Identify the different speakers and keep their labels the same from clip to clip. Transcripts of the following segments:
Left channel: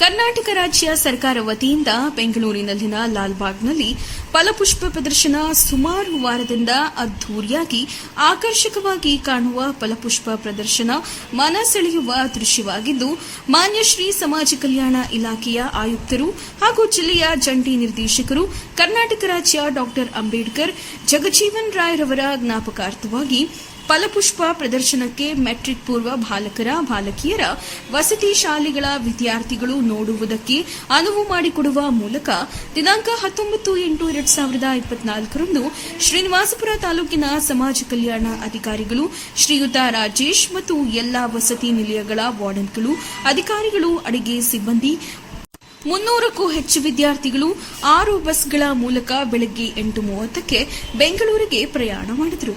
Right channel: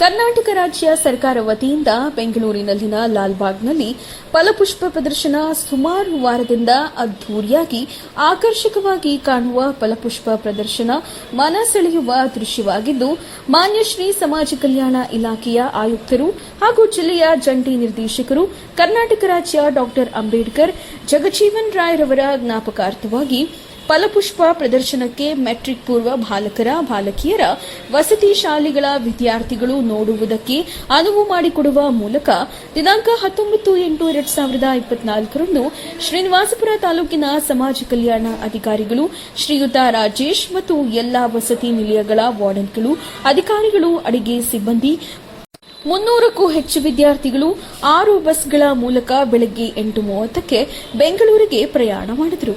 Speaker 1: ಕರ್ನಾಟಕ ರಾಜ್ಯ ಸರ್ಕಾರ ವತಿಯಿಂದ ಬೆಂಗಳೂರಿನಲ್ಲಿನ ಲಾಲ್ಬಾಗ್ನಲ್ಲಿ ಫಲಪುಷ್ಪ ಪ್ರದರ್ಶನ ಸುಮಾರು ವಾರದಿಂದ ಅದ್ಧೂರಿಯಾಗಿ ಆಕರ್ಷಕವಾಗಿ ಕಾಣುವ ಫಲಪುಷ್ಪ ಪ್ರದರ್ಶನ ಮನ ಸೆಳೆಯುವ ದೃಶ್ಯವಾಗಿದ್ದು, ಮಾನ್ಯ ಶ್ರೀ ಸಮಾಜ ಕಲ್ಯಾಣ ಇಲಾಖೆಯ ಆಯುಕ್ತರು ಹಾಗೂ ಜಿಲ್ಲೆಯ ಜಂಟಿ ನಿರ್ದೇಶಕರು, ಕರ್ನಾಟಕ ರಾಜ್ಯ ಡಾಕ್ಟರ್ ಅಂಬೇಡ್ಕರ್, ಜಗಜೀವನ್ ರಾಯ್ರವರ ಜ್ಞಾಪಕಾರ್ಥವಾಗಿ ಫಲಪುಷ್ಪ ಪ್ರದರ್ಶನಕ್ಕೆ ಮೆಟ್ರಿಕ್ ಪೂರ್ವ ಬಾಲಕರ, ಬಾಲಕಿಯರ, ವಸತಿ ಶಾಲೆಗಳ ವಿದ್ಯಾರ್ಥಿಗಳು ನೋಡುವುದಕ್ಕೆ ಅನುವು ಮಾಡಿಕೊಡುವ ಮೂಲಕ ದಿನಾಂಕ ಹತ್ತೊಂಬತ್ತು ಎಂಟು ಎರಡ್ ಸಾವಿರದ ಇಪ್ಪತ್ನಾಲ್ಕರಂದು ಶ್ರೀನಿವಾಸಪುರ ತಾಲೂಕಿನ ಸಮಾಜ ಕಲ್ಯಾಣ ಅಧಿಕಾರಿಗಳು, ಶ್ರೀಯುತ ರಾಜೇಶ್ ಮತ್ತು ಎಲ್ಲಾ ವಸತಿ ನಿಲಯಗಳ ವಾರ್ಡನ್ಗಳು, ಅಧಿಕಾರಿಗಳು, ಅಡಿಗೆ ಸಿಬ್ಬಂದಿ, ಮುನ್ನೂರಕ್ಕೂ ಹೆಚ್ಚು ವಿದ್ಯಾರ್ಥಿಗಳು ಆರು ಬಸ್ಗಳ ಮೂಲಕ ಬೆಳಗ್ಗೆ ಎಂಟು ಮೂವತ್ತಕ್ಕೆ ಬೆಂಗಳೂರಿಗೆ ಪ್ರಯಾಣ ಮಾಡಿದರು.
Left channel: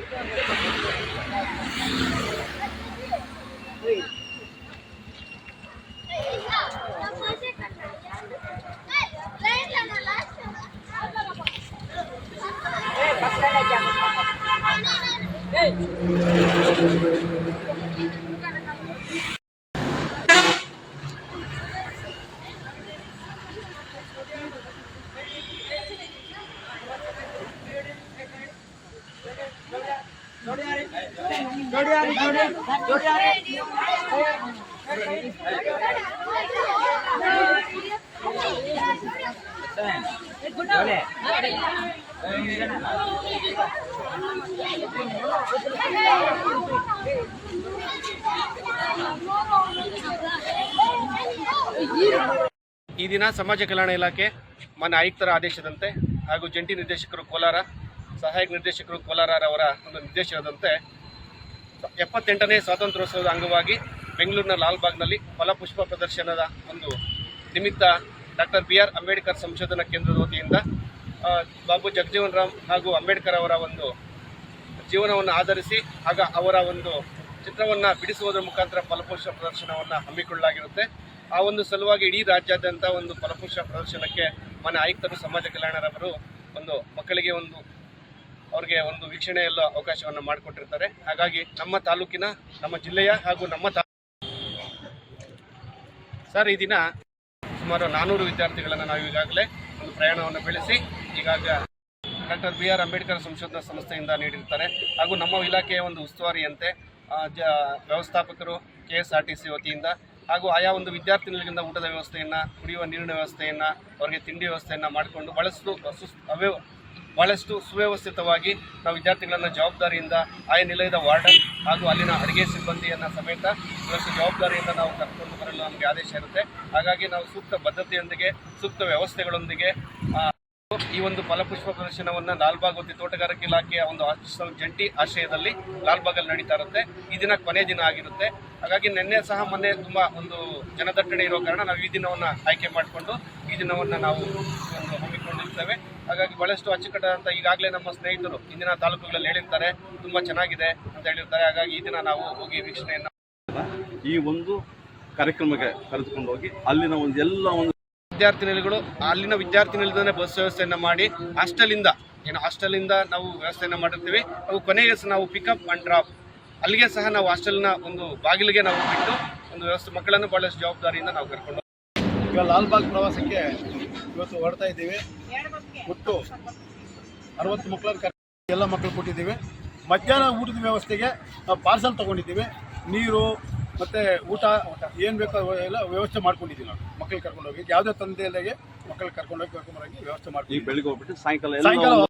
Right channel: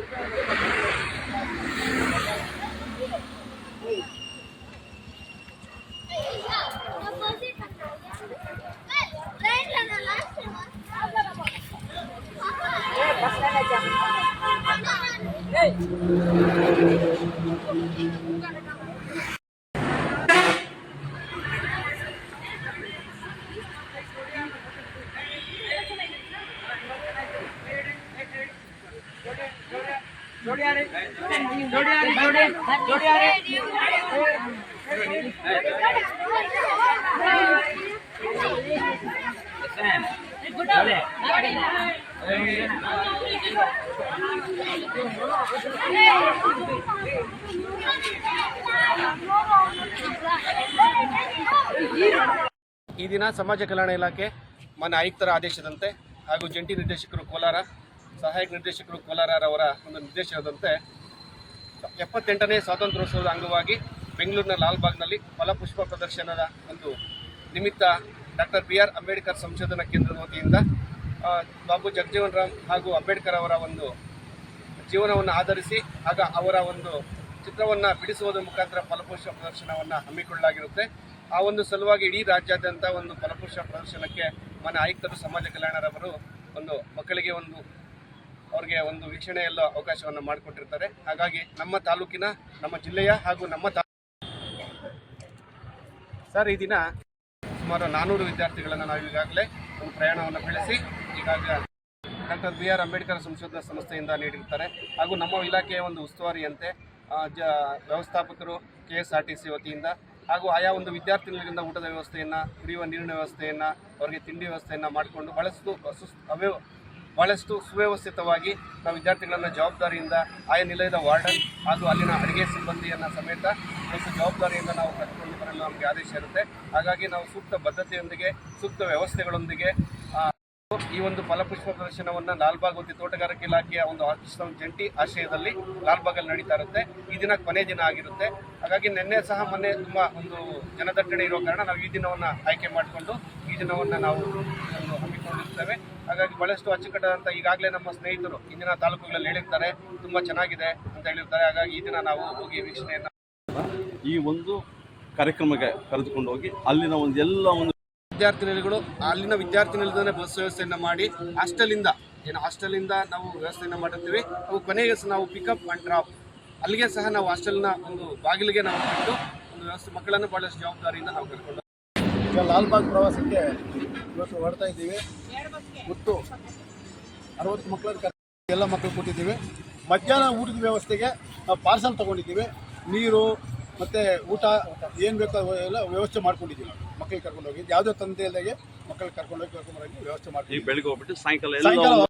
Speaker 2: Hey! you.
Speaker 3: ಈ ದಿನ ಸಮಾಜ ಕಲ್ಯಾಣ ಇಲಾಖೆ ಮಾನ್ಯ ಆಯುಕ್ತರ ಆದೇಶದಂತೆ ಹಾಗೂ ಜಂಟಿ ನಿರ್ದೇಶಕರು ಕೋಲಾರ ಸಹಾಯಕ ನಿರ್ದೇಶಕರು ಕೋಲಾರರವರ ಒಂದು ನಿರ್ದೇಶನದಂತೆ ಎಪ್ಪತ್ತೆಂಟನೇ ಸ್ವಾತಂತ್ರ್ಯೋತ್ಸವದ ಅಂಗವಾಗಿ ಬೆಂಗಳೂರಿನ ಲಾಲ್ಬಾಗ್ನಲ್ಲಿ ಫಲಪುಷ್ಪ ಪ್ರದರ್ಶನದ ಒಂದು ನಿಮಿತ್ತ ಡಾಕ್ಟರ್ ಬಿ ಆರ್ ಅಂಬೇಡ್ಕರ್ ಸಂಶೋಧನಾ ಕೇಂದ್ರದ ವತಿಯಿಂದ ಬಾಬು ಜಗಜೀವನ್ ರಾಮ್ ಹಾಗೂ ಅಂಬೇಡ್ಕರ್ ಅವರ ಒಂದು ಜೀವನವನ್ನು ಆಧರಿಸಿ ಆಗ ಅವರ ಒಂದು ಚಿತ್ರವನ್ನು ಬಿಡಿಸುವುದರ ಮುಖಾಂತರ ಫಲಪುಷ್ಪ ಪ್ರದರ್ಶನವನ್ನು ಹಮ್ಮಿಕೊಳ್ಳಲಾಗಿರುತ್ತೆ. ಆ ಒಂದು ಸಲುವಾಗಿ ಇಡೀ ರಾಜ್ಯಾದ್ಯಂತ ಒಂದು ಫಲಪುಷ್ಪ ಪ್ರದರ್ಶನಕ್ಕೆ ಮನೆ ಆಯುಕ್ತರು, ಸಮಾಜ ಕಲ್ಯಾಣರವರು ಒಂದು ಮಕ್ಕಳಿಗೆ ಒಂದು ಅವ್ರಿಗೆ ಒಂದು ವೀಕ್ಷಣೆಯಲ್ಲ ಅವಕಾಶವನ್ನು ಮಾಡಿಕೊಟ್ಟಿರ್ತಾರೆ. ಹಾಗಾಗಿ ನಮ್ಮ ತಾಲೂಕಿನ, ನಮ್ಮ ಜಿಲ್ಲೆಯ ಹಾಗೂ ನಮ್ಮ ಸರ್, ಈ ದಿನ ಸುಮಾರು ನಾನ್ನೂರು ವಿದ್ಯಾರ್ಥಿಗಳನ್ನು ನಾವು ಈಗಾಗಲೇ ಒಂದು ಪ್ರಯಾಣವನ್ನು ಬೆಳೆಸಿ, ಈಗಾಗ ಡಾಕ್ಟರ್ ಬಿ ಆರ್ ಅಂಬೇಡ್ಕರ್ ಸಂಶೋಧನಾ ಸಂಸ್ಥೆಯಿಂದ ನೀಡಿರ್ತಾರೆ. ಹಾಗೂ ನಮ್ಮ ಇಲಾಖೆಯ ಒಂದು ಉಸ್ತುವಾರಿಯಂತೆ ಜ, ವ್ಯವಸ್ಥಾಪಕರು, K S R T C ವತಿಯಿಂದ ಹಾಗೂ ಆಯಾ ಒಂದು ವಿದ್ಯಾರ್ಥಿಗಳಿಂದ ಊಟದ ವ್ಯವಸ್ಥೆಯನ್ನು, ಕುಡಿಯುವ ನೀರಿನ ವ್ಯವಸ್ಥೆಯನ್ನು, ಅವರಿಗೆ ತಿಂಡಿ ವ್ಯವಸ್ಥೆಯನ್ನು ಮಾಡಿಕೊಂಡು ಭಾಳಷ್ಟು ಸುಸ್ ಅವ್ಯವ ಭಾಳಷ್ಟು ಸುವ್ಯವಸ್ಥಿತವಾಗಿ ನಾವು ವಿದ್ಯಾರ್ಥಿಗಳನ್ನು ಜವಾಬ್ದಾರಿಯಿಂದ ಆಯಾ ನಿಲಯದ ವಾರ್ಡನ್ ಹಾಗೂ ಅಲ್ಲಿನ ಅಡುಗೆ ಸಿಬ್ಬಂದಿಯನ್ನು ಸಮೇತ ಇವತ್ತು ಜವಾಬ್ದಾರಿಯಿಂದ ನಾವು ಕರ್ಕೊಂಡು ಬರಲು ನಮಗೆ ಆದೇಶ ಇರುತ್ತೆ. ಹಾಗಾಗಿ ನಾವು ಸೂಕ್ತ ಬದ್ಧತೆಯೊಂದಿಗೆ, ಸೂಕ್ತ ವ್ಯವಸ್ಥೆಗಳೊಂದಿಗೆ ಈ ಒಂದು ಫಲಪುಷ್ಪ ಪ್ರದರ್ಶನವನ್ನು ಲಾಲ್ಬಾಗ್ ತೋಟಗಾರಿಕೆ ಇಲಾಖೆಯ ಒಂದು ಜಂಟಿ ಆಶ್ರಯದಲ್ಲಿ ಲಾಲ್ಬಾಗಲ್ಲಿ ನಡೀತಾ ಇರುತ್ತೆ. ಈ ದಿನ ಕೊನೆ ದಿನ ಆಗಿರುತ್ತೆ. ಹಾಗಾಗಿ ನಿನ್ನೆ ಸಹ ಮೊನ್ನೆ ತುಂಬ ಒಂದು ಜನದಟ್ಟಣೆ ಇರೋ ಕಾರಣ ನಾವು ಈ ದಿನವನ್ನು ಆಯ್ಕೆ ಮಾಡಿಕೊಂಡು ಈ ದಿನವನ್ನು ನಾವು ಒಂದು ಹಾಗಾಗಿ ಬಹಳಷ್ಟು ಅಚ್ಚುಕಟ್ಟಾದಂಥ ಈಗಾಗಲೇ ನಮ್ಮ ಸ್ನೇಹಿತರು ಇಂದಿನ ತಾಲೂಕುಗಳಲ್ಲಿ ಹೇಳಿರ್ತಾರೆ ತುಂಬಾ ಚೆನ್ನಾಗಿದೆ ಅಂತ ಹೇಳಿರ್ತಾರೆ. ಹಾಗಾಗಿ ಈ ದಿನ ನಾವು ಹೋಗಿ ವೀಕ್ಷಣೆಯನ್ನು
Speaker 4: ಈ ಒಂದು ಕಾರ್ಯಕ್ರಮಕ್ಕೆ ಕರೆದುಕೊಂಡು ಹೋಗಿ ಅಲ್ಲಿನ ಒಂದು ಎಲ್ಲ ಒಂದು
Speaker 3: ವಿದ್ಯಾರ್ಥಿನಿಗಳು ಅಲ್ಲಿನ ವಿದ್ಯಾರ್ಥಿನಿಲ್ದೇ ಬಸ್ ವ್ಯವಸ್ಥೆಯನ್ನು ಮಾಡಿ ಹಾಸ್ಟೆಲಿಂದ ಏನು ಹಾಸ್ಟೆಲಿಂದ ನಾವು ವ್ಯವಸ್ಥೆಯನ್ನು ಮಾಡಿರ್ತೀವಿ. ಅವು ಕೊನೆಗೆ ಸಹ ನಾವು ಪಿಕಪ್ ಅಂಡ್ ಡ್ರಾಪ್ ಅಲ್ಲಿಗೆ ಸಹ ನಾವು ಹಾಸ್ಟೆಲ್ನ ಒಂದು ಬಾಗಿಲಿಗೆ ನಾವು ಬಿಟ್ಟು ಒಂದು ವ್ಯವಸ್ಥೆ ಮಕ್ಕಳನ್ನು ಭಾಳಷ್ಟು ಜವಾಬ್ದಾರಿಯಿಂದ ನಾವು ಕರ್ಕೊಂಡು
Speaker 5: ಈಗ ಲಾಲ್ಬಾಗ್ ಪ್ರವಾಸಕ್ಕೆ ಇವತ್ತು ಹೊರಡ್ತಾ ಇದ್ದೀವಿ. ಒಟ್ಟು ಅರವತ್ತು ಮಕ್ಕಳನ್ನು ಕರ್ಕೊಂಡು ಎಲ್ಲ ಮಕ್ಕಳು ಕೊಟ್ಟಿದ್ದೀವಿ. ಮಧ್ಯಾಹ್ನ ಊಟದ ವ್ಯವಸ್ಥೆಗೆ ನಾವು ಪಾರ್ಸಲ್ ತೊಗೊಂಡಿದ್ದೀವಿ. ನೀರು ಮತ್ತು ಊಟ ಏನು ಬೇಕೋ ಎಲ್ಲ ವ್ಯವಸ್ಥೆ ಮಾಡ್ಕೊಂಡಿದ್ದೀವಿ ನಾವು ಮಕ್ಕಳಿಗೆ ಕರ್ಕೊಂಡು ಹೋಗಿ. ಯಾವುದೇ ತಂದೆ ಇಲ್ಲದೆ ಮಕ್ಕಳಿಗೆ ಕರ್ಕೊಂಡು ಹೋಗಿ ಕರ್ಕೊಂಬರೋಗಿ ವ್ಯವಸ್ಥೆ ಮಾಡ್ತೀವಿ
Speaker 4: ಬೆಳಿಗ್ಗೆ ಹೋಗ್ಬಿಟ್ಟು ಸಾಯಂಕಾಲ
Speaker 5: ಸಾಯಂಕಾಲ